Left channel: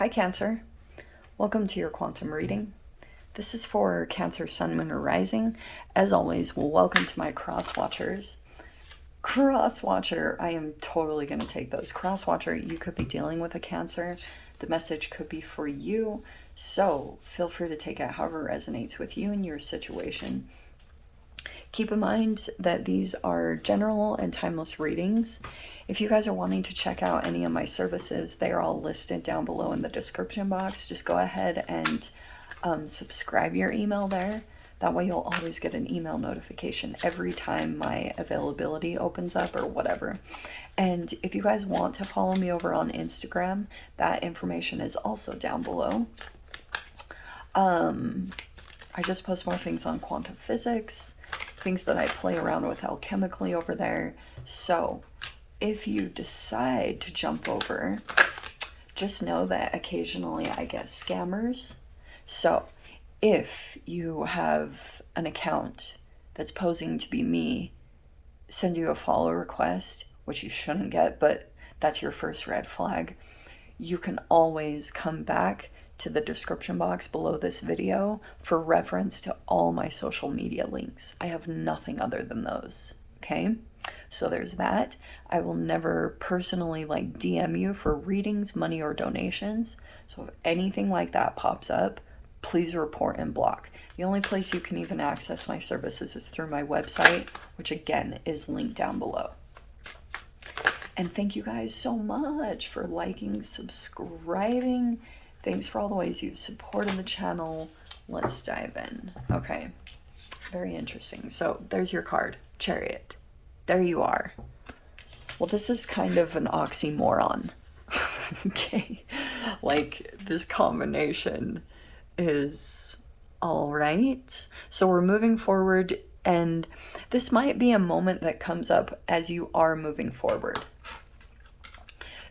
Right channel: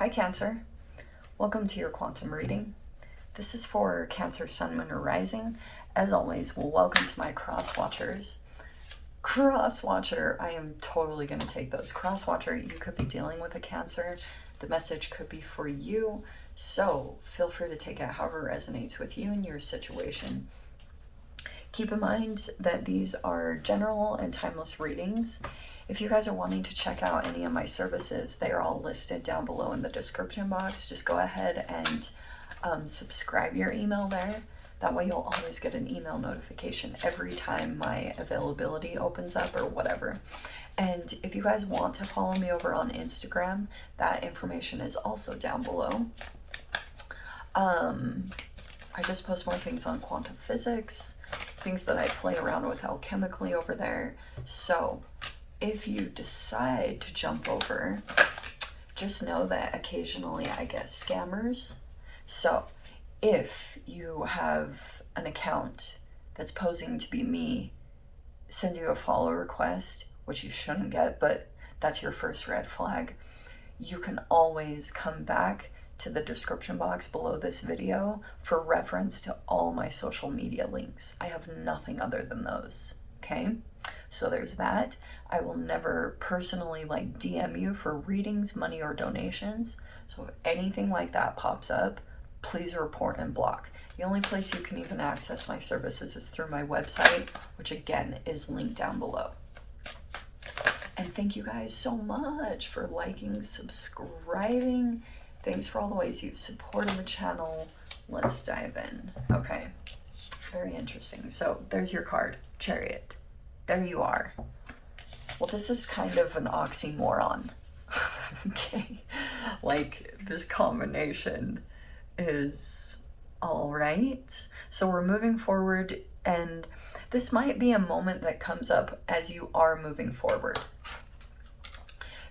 Hi Cancer, welcome to your quantum reading. This is for Cancer, Sun, Moon, or Rising. As always, welcome to my cross watchers. Cross watcher, I am totally going to take those. Cross watcher, you could be dealing with a Cancer. The message could be for you, so feel free to take it however resonates with you and your situation. Keep in mind that these are general and timeless readings. If you guys are wanting to check out any of my services, they are all listed down below in the description box. Just go ahead and subscribe your email there. That way you'll always get an email notification every time my availability opens up or whatever. And if you guys want to follow me over on Instagram, that information is also down below. I just post more things on quantum physics, things that I play around with alchemically over there. So if you decide to jump over, just know that occasionally I get scammers. So if you have an account that's posing to be me, send you a follow request, which you shouldn't get, but that's your first red flag. You can always come back to the description box below this video for reference to all my social media links. I have nothing other than those, okay? So there's that. I will never personally DM you for readings, money, or donations. So if anything like that pops up, please report and block. The only place you can even access my services is through my website, which again is linked down below. And thank you guys so much for liking, subscribing. Thanks for all the ways you've supported the channel. Let's dive in. Okay, very interesting. So there's your card, Chariot. There you are. Well, this is kind of an oxymoron. Okay, this combination is all right. So we're moving forward, and this might be a moment that comes up as you are moving forward,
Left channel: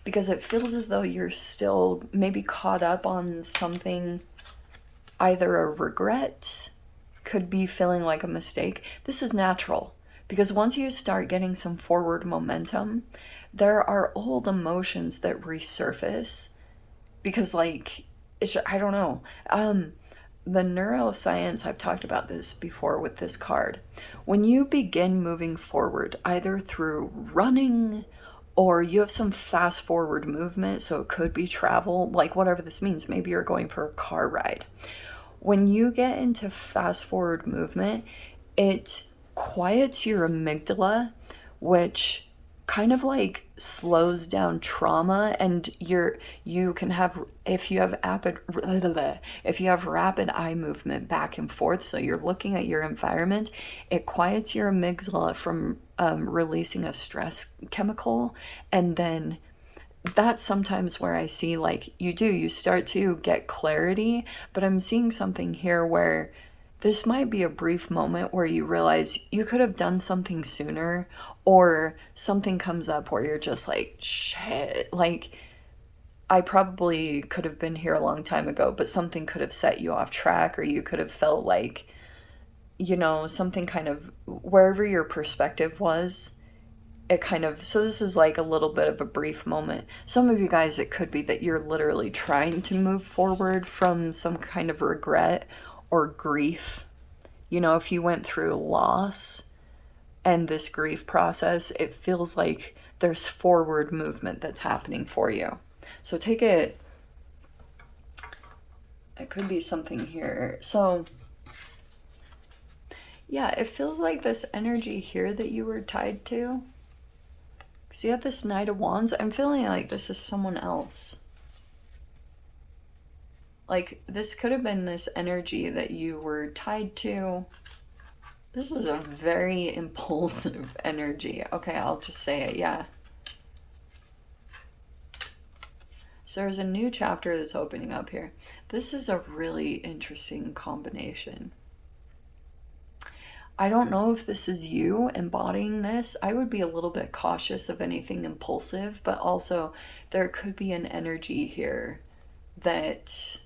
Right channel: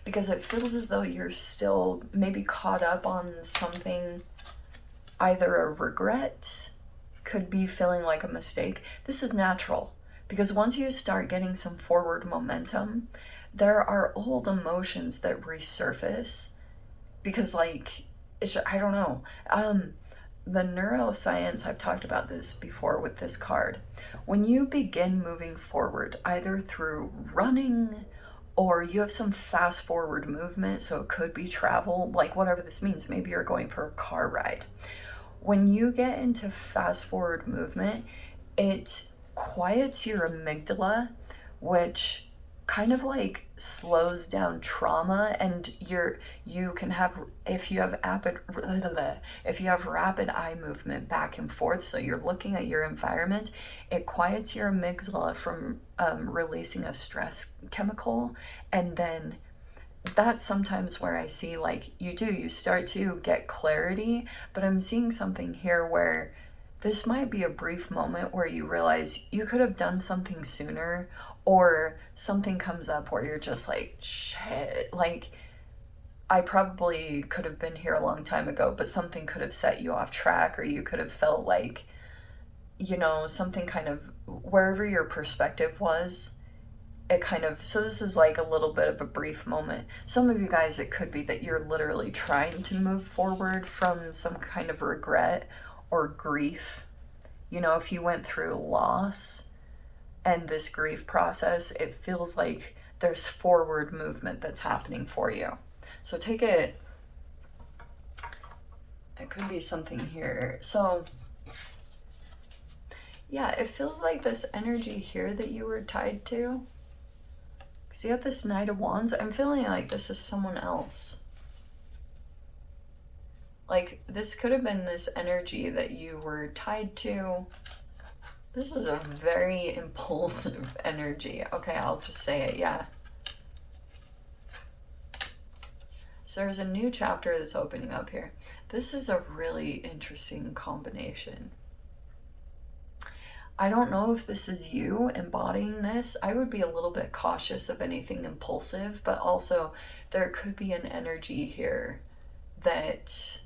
because it feels as though you're still maybe caught up on something, either a regret, could be feeling like a mistake. This is natural, because once you start getting some forward momentum, there are old emotions that resurface, because I don't know. The neuroscience, I've talked about this before with this card. When you begin moving forward, either through running, or you have some fast forward movement, so it could be travel, whatever this means. Maybe you're going for a car ride. When you get into fast forward movement, it quiets your amygdala, which kind of slows down trauma, and you can have, if you have rapid eye movement back and forth, so you're looking at your environment, it quiets your amygdala from releasing a stress chemical. And then that's sometimes where I see you start to get clarity. But I'm seeing something here where this might be a brief moment where you realize you could have done something sooner, or something comes up where you're just shit, I probably could have been here a long time ago, but something could have set you off track, or you could have felt something kind of, wherever your perspective was, it kind of, so this is a little bit of a brief moment. Some of you guys, it could be that you're literally trying to move forward from some kind of regret or grief. If you went through loss and this grief process, it feels like there's forward movement that's happening for you. So take it, it could be something here. So yeah, it feels like this energy here that you were tied to, because you have this Knight of Wands. I'm feeling like this is someone else. This could have been this energy that you were tied to. This is a very impulsive energy. Okay, I'll just say it, yeah. So there's a new chapter that's opening up here. This is a really interesting combination. I don't know if this is you embodying this. I would be a little bit cautious of anything impulsive, but also there could be an energy here that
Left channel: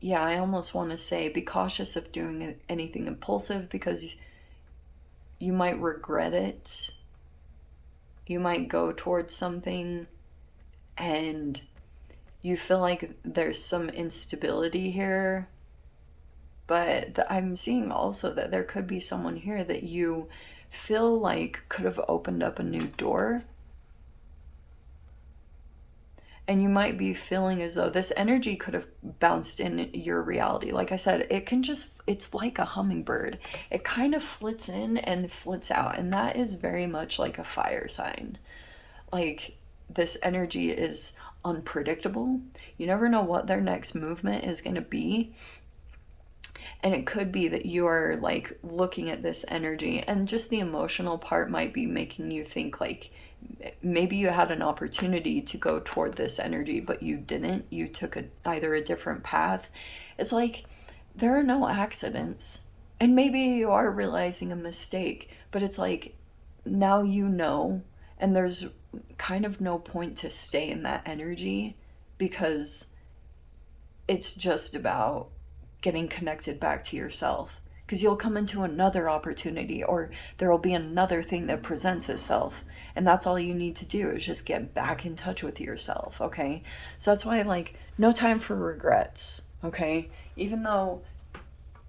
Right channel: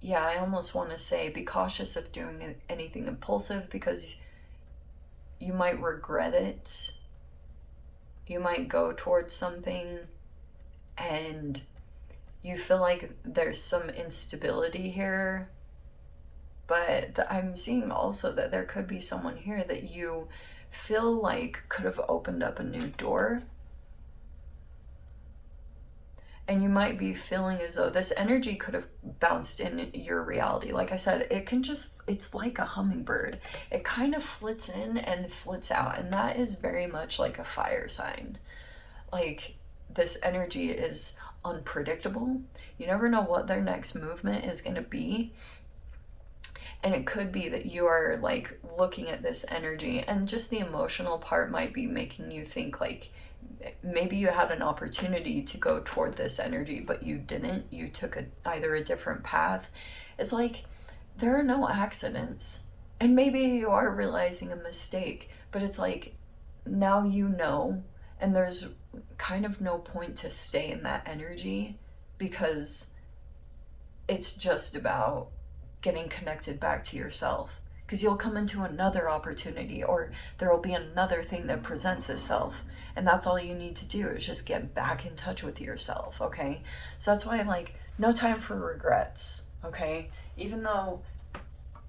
yeah, I almost want to say be cautious of doing anything impulsive, because you might regret it. You might go towards something and you feel like there's some instability here. But I'm seeing also that there could be someone here that you feel like could have opened up a new door. And you might be feeling as though this energy could have bounced in your reality. Like I said, it can just, it's like a hummingbird. It kind of flits in and flits out. And that is very much like a fire sign. Like, this energy is unpredictable. You never know what their next movement is going to be. And it could be that you're like looking at this energy, and just the emotional part might be making you think like, maybe you had an opportunity to go toward this energy, but you didn't. You took either a different path. It's like there are no accidents. And maybe you are realizing a mistake, but it's like now you know, and there's kind of no point to stay in that energy, because it's just about getting connected back to yourself. Because you'll come into another opportunity, or there will be another thing that presents itself, and that's all you need to do is just get back in touch with yourself. Okay, so that's why, like, no time for regrets. Okay, even though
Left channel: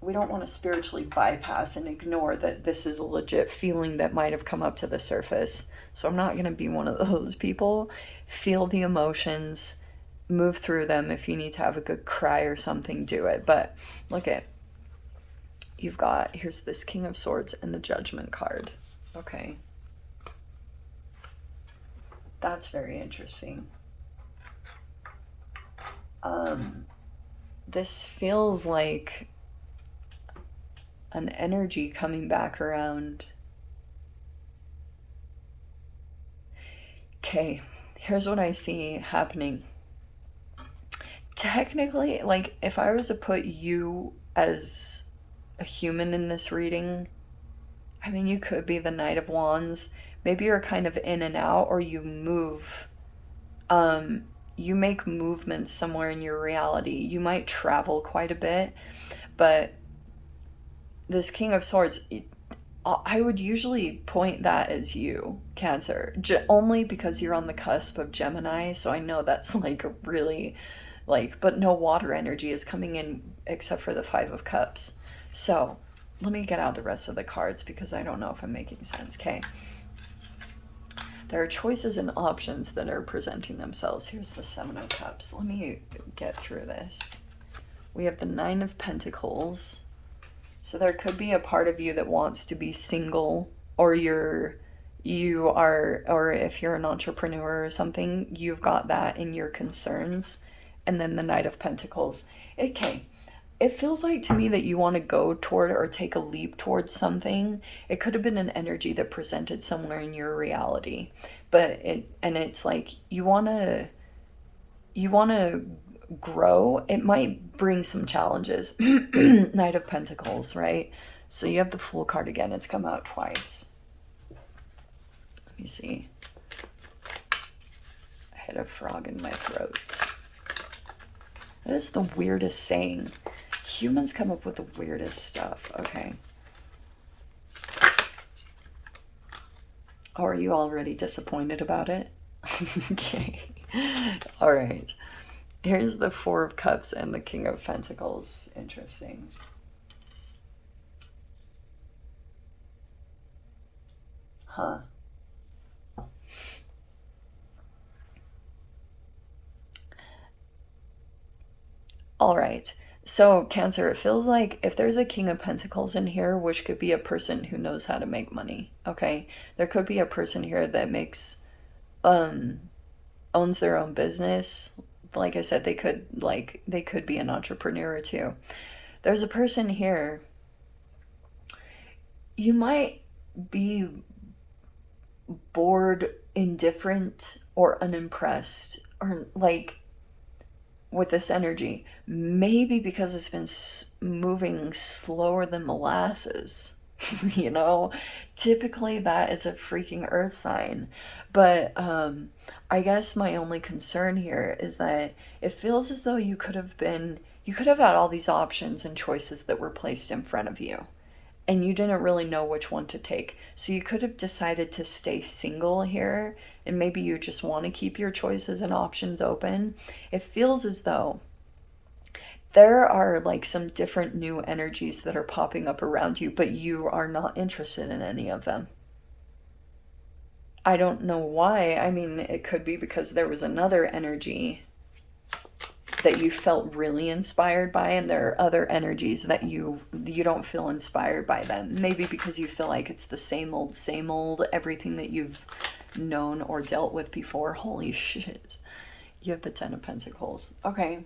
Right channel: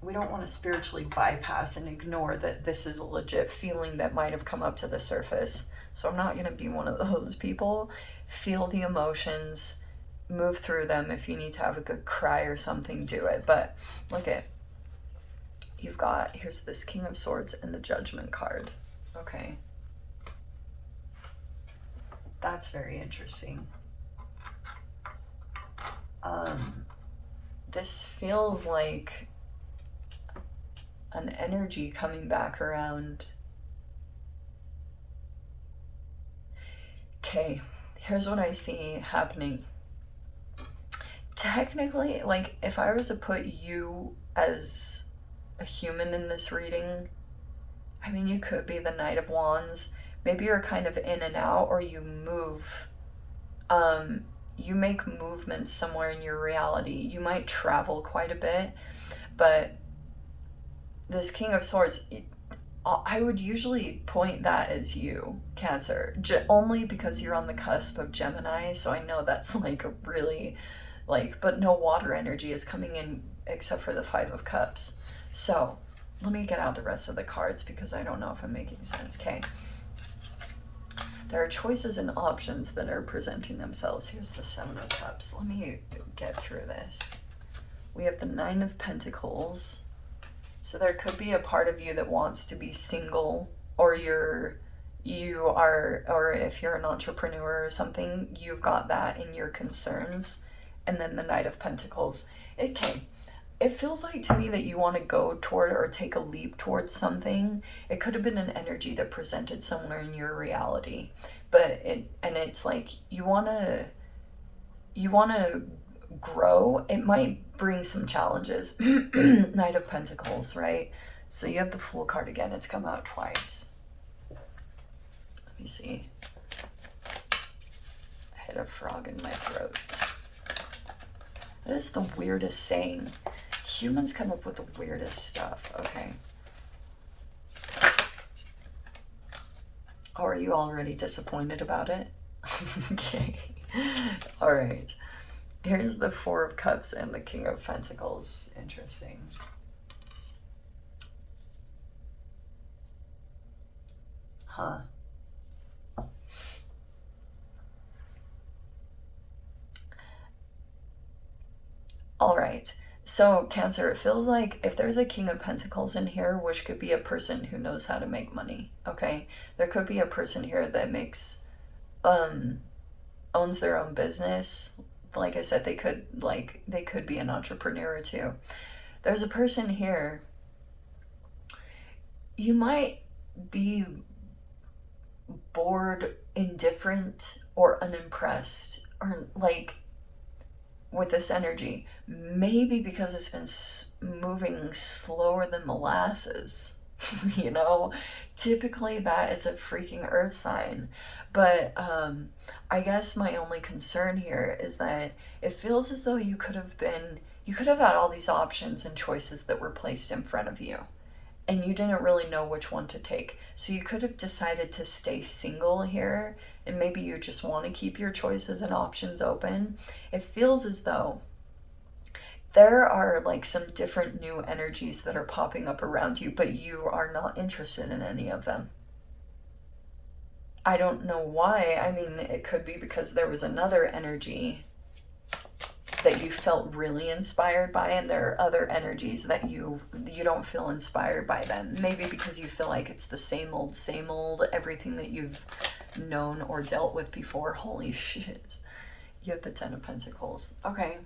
we don't want to spiritually bypass and ignore that this is a legit feeling that might have come up to the surface, so I'm not going to be one of those people. Feel the emotions, move through them. If you need to have a good cry or something, do it. But look at, you've got, here's this King of Swords and the Judgment card. Okay, that's very interesting. This feels like an energy coming back around. Okay, here's what I see happening. Technically, like, if I was to put you as a human in this reading, I mean, you could be the Knight of Wands. Maybe you're kind of in and out, or you move. You make movements somewhere in your reality. You might travel quite a bit, but this King of Swords, I would usually point that as you, Cancer, only because you're on the cusp of Gemini, so I know that's like really, like, but no water energy is coming in except for the Five of Cups. So let me get out the rest of the cards, because I don't know if I'm making sense. Okay, there are choices and options that are presenting themselves. Here's the Seven of Cups. Let me get through this. We have the Nine of Pentacles. So there could be a part of you that wants to be single, or you are, or if you're an entrepreneur or something, you've got that in your concerns. And then the Knight of Pentacles. Okay, it feels like to me that you want to go toward or take a leap towards something. It could have been an energy that presented somewhere in your reality, but it's like you want to grow. It might bring some challenges. Knight of Pentacles, right? So you have the Fool card again. It's come out twice. Let me see. I had a frog in my throat. That is the weirdest saying. Humans come up with the weirdest stuff. Okay. Oh, are you already disappointed about it? Okay. All right. Here's the Four of Cups and the King of Pentacles. Interesting. Huh. All right. So, Cancer, it feels like if there's a King of Pentacles in here, which could be a person who knows how to make money, okay? There could be a person here that makes, owns their own business. Like I said, they could be an entrepreneur too. There's a person here. You might be bored, indifferent, or unimpressed, or like with this energy. Maybe because it's been moving slower than molasses. You know, typically that is a freaking earth sign. But I guess my only concern here is that it feels as though you could have had all these options and choices that were placed in front of you. and you didn't really know which one to take. So you could have decided to stay single here, and maybe you just want to keep your choices and options open. It feels as though there are like some different new energies that are popping up around you, but you are not interested in any of them. I don't know why. I mean, it could be because there was another energy that you felt really inspired by, and there are other energies that you don't feel inspired by them. Maybe because you feel like it's the same old, everything that you've known or dealt with before. Holy shit. You have the Ten of Pentacles. Okay.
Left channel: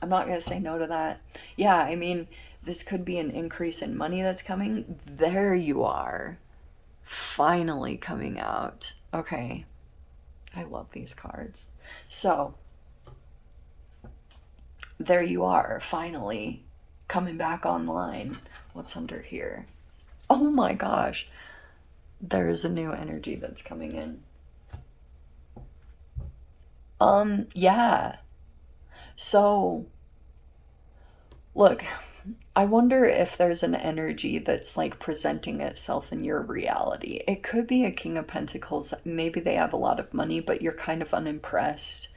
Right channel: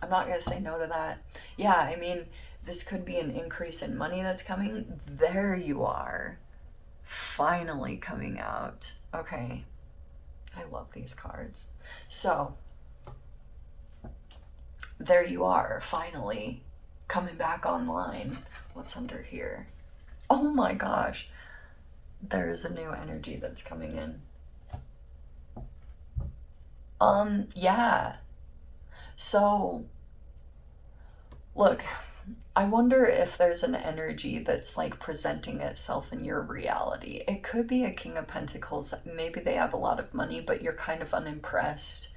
I'm not going to say no to that. Yeah, I mean, this could be an increase in money that's coming. There you are. Finally coming out. Okay. I love these cards. So, there you are, finally coming back online. What's under here? Oh my gosh. There's a new energy that's coming in. Yeah. So, look, I wonder if there's an energy that's like presenting itself in your reality. It could be a King of Pentacles. Maybe they have a lot of money, but you're kind of unimpressed.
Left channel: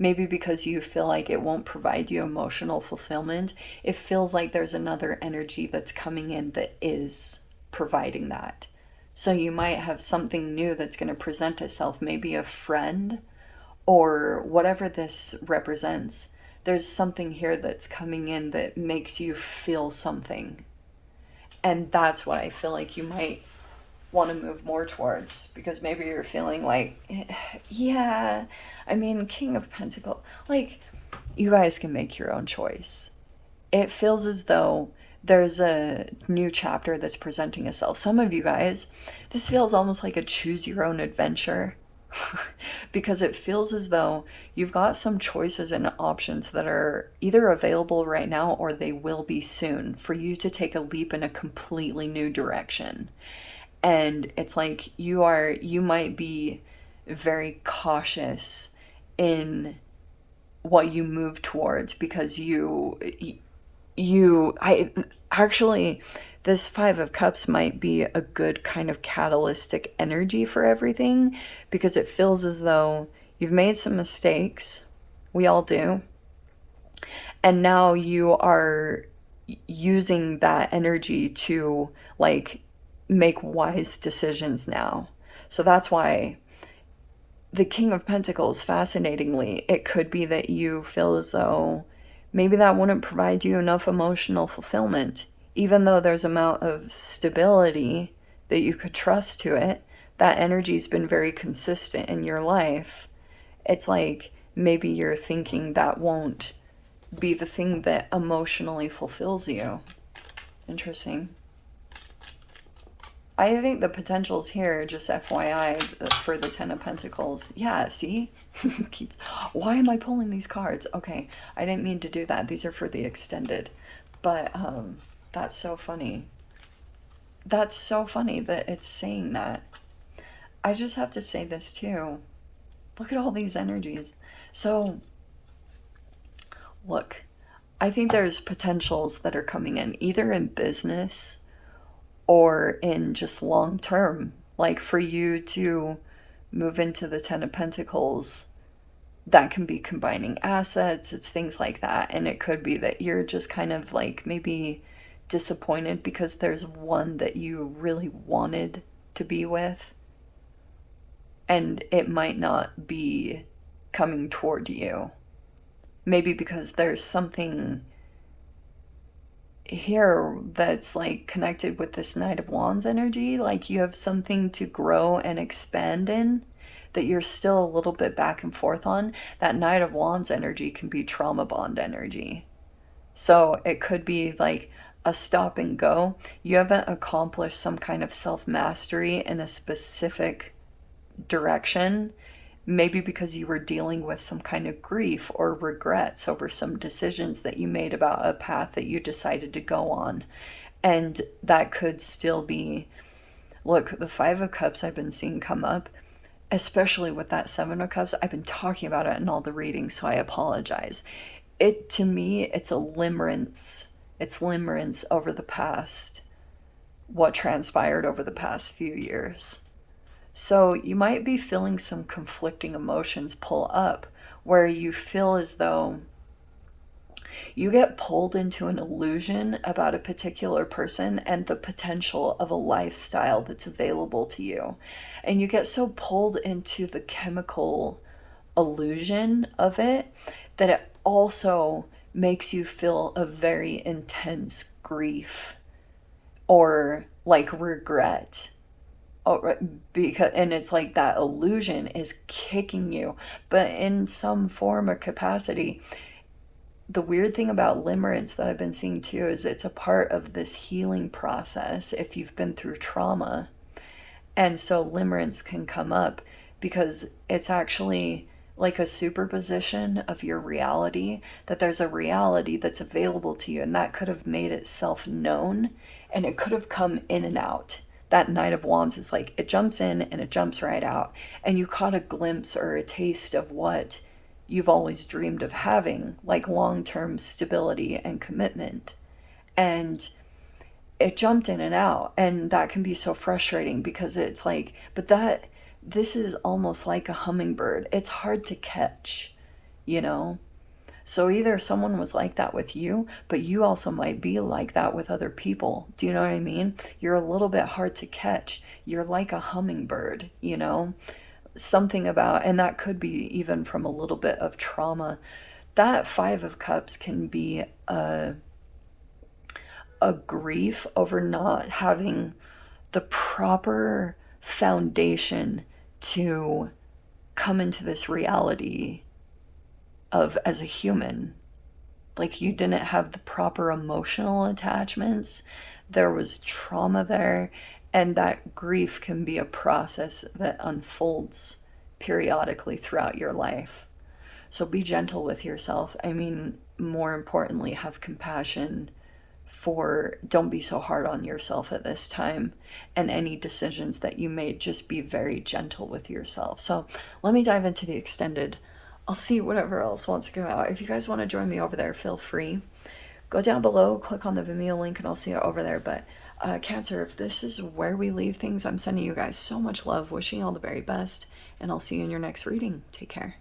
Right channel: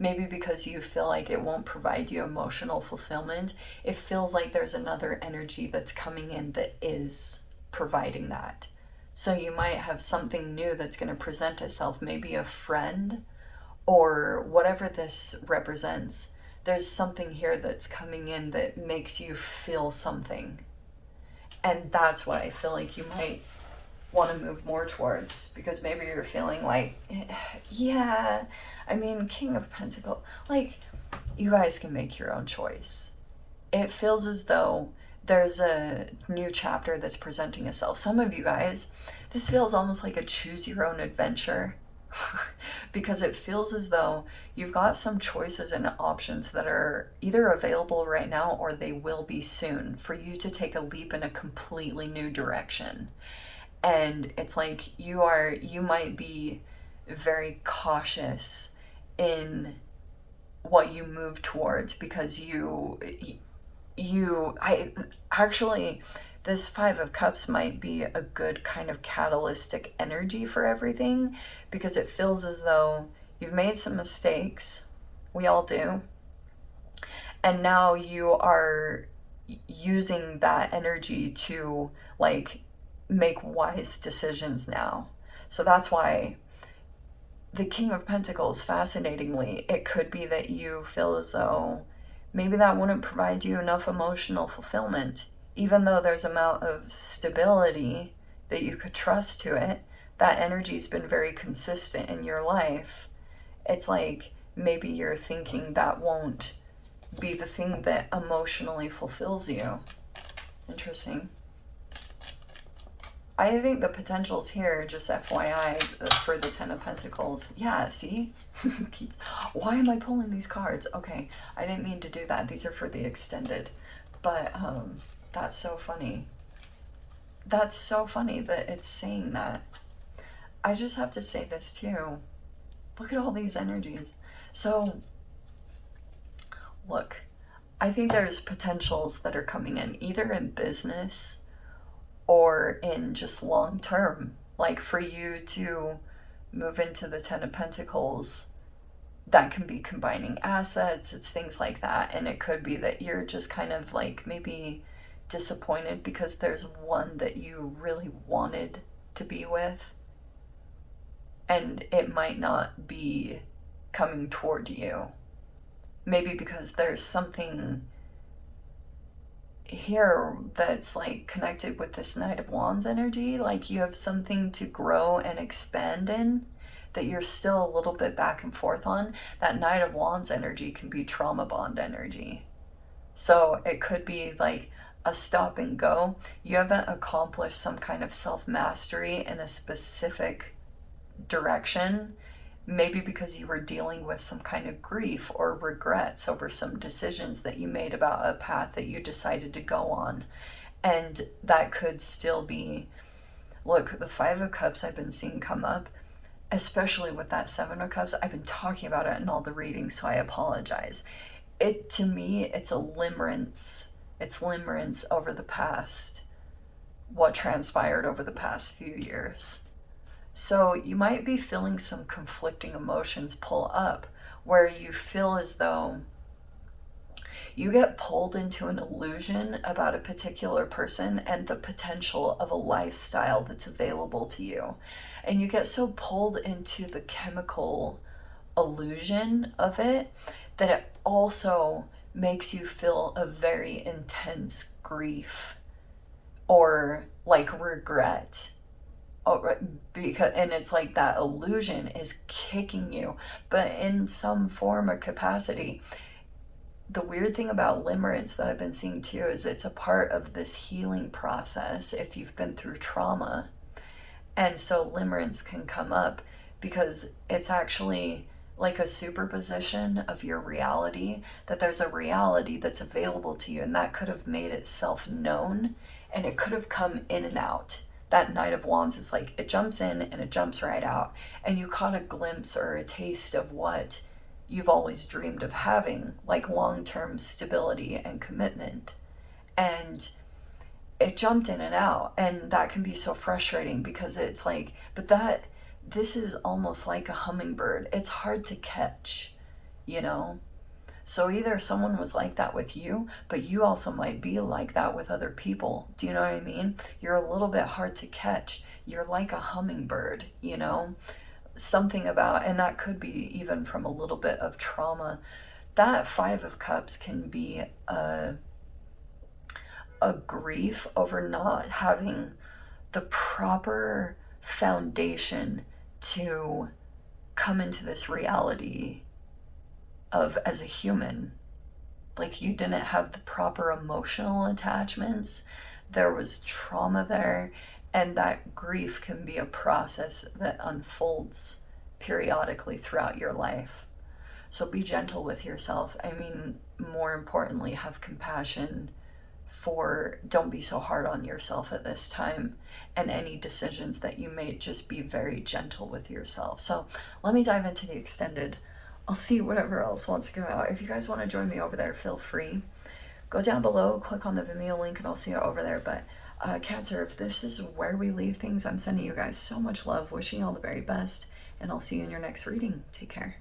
Maybe because you feel like it won't provide you emotional fulfillment. It feels like there's another energy that's coming in that is providing that. So you might have something new that's going to present itself, maybe a friend or whatever this represents. There's something here that's coming in that makes you feel something. And that's what I feel like you might want to move more towards, because maybe you're feeling like, yeah, I mean, King of Pentacles, like, you guys can make your own choice. It feels as though there's a new chapter that's presenting itself. Some of you guys, this feels almost like a choose your own adventure. Because it feels as though you've got some choices and options that are either available right now or they will be soon for you to take a leap in a completely new direction. And it's like you might be very cautious in what you move towards, because I actually, this Five of Cups might be a good kind of catalytic energy for everything, because it feels as though you've made some mistakes. We all do. And now you are using that energy to like make wise decisions now. So that's why the King of Pentacles, fascinatingly, it could be that you feel as though maybe that wouldn't provide you enough emotional fulfillment. Even though there's amount of stability that you could trust to it, that energy's been very consistent in your life. It's like maybe you're thinking that won't be the thing that emotionally fulfills you. Interesting. I think the potential's here, just FYI, for the Ten of Pentacles. Yeah, see? Why am I pulling these cards? Okay, I didn't mean to do that. These are for the extended. But, that's so funny. That's so funny that it's saying that. I just have to say this too. Look at all these energies. So, look, I think there's potentials that are coming in, either in business or in just long term. Like for you to move into the Ten of Pentacles, that can be combining assets, it's things like that. And it could be that you're just kind of like maybe disappointed because there's one that you really wanted to be with, and it might not be coming toward you. Maybe because there's something here that's like connected with this Knight of Wands energy, like you have something to grow and expand in that you're still a little bit back and forth on. That Knight of Wands energy can be trauma bond energy. So it could be like a stop and go. You haven't accomplished some kind of self-mastery in a specific direction, maybe because you were dealing with some kind of grief or regrets over some decisions that you made about a path that you decided to go on. And that could still be, look, the Five of Cups I've been seeing come up, especially with that Seven of Cups. I've been talking about it in all the readings, so I apologize. To me, it's a limerence. It's limerence over the past. what transpired over the past few years. So you might be feeling some conflicting emotions pull up where you feel as though you get pulled into an illusion about a particular person and the potential of a lifestyle that's available to you. And you get so pulled into the chemical illusion of it that it also makes you feel a very intense grief or like regret. Because and it's like that illusion is kicking you, but in some form or capacity. The weird thing about limerence that I've been seeing too is it's a part of this healing process if you've been through trauma. And so limerence can come up because it's actually like a superposition of your reality, that there's a reality that's available to you, and that could have made itself known and it could have come in and out. That Knight of Wands is like it jumps in and it jumps right out, and you caught a glimpse or a taste of what you've always dreamed of having, like long-term stability and commitment. And it jumped in and out, and that can be so frustrating because it's like, but that this is almost like a hummingbird. It's hard to catch, you know? So either someone was like that with you, but you also might be like that with other people. Do you know what I mean? You're a little bit hard to catch. You're like a hummingbird, you know? Something about, and that could be even from a little bit of trauma. That Five of Cups can be a grief over not having the proper foundation to come into this reality of as a human. Like you didn't have the proper emotional attachments, there was trauma there, and that grief can be a process that unfolds periodically throughout your life. So be gentle with yourself. I mean, more importantly, have compassion for, don't be so hard on yourself at this time, and any decisions that you made, just be very gentle with yourself. So let me dive into the extended. I'll see whatever else wants to come out. If you guys want to join me over there, feel free. Go down below, click on the Vimeo link, and I'll see you over there. But Cancer, if this is where we leave things, I'm sending you guys so much love, wishing you all the very best, and I'll see you in your next reading. Take care.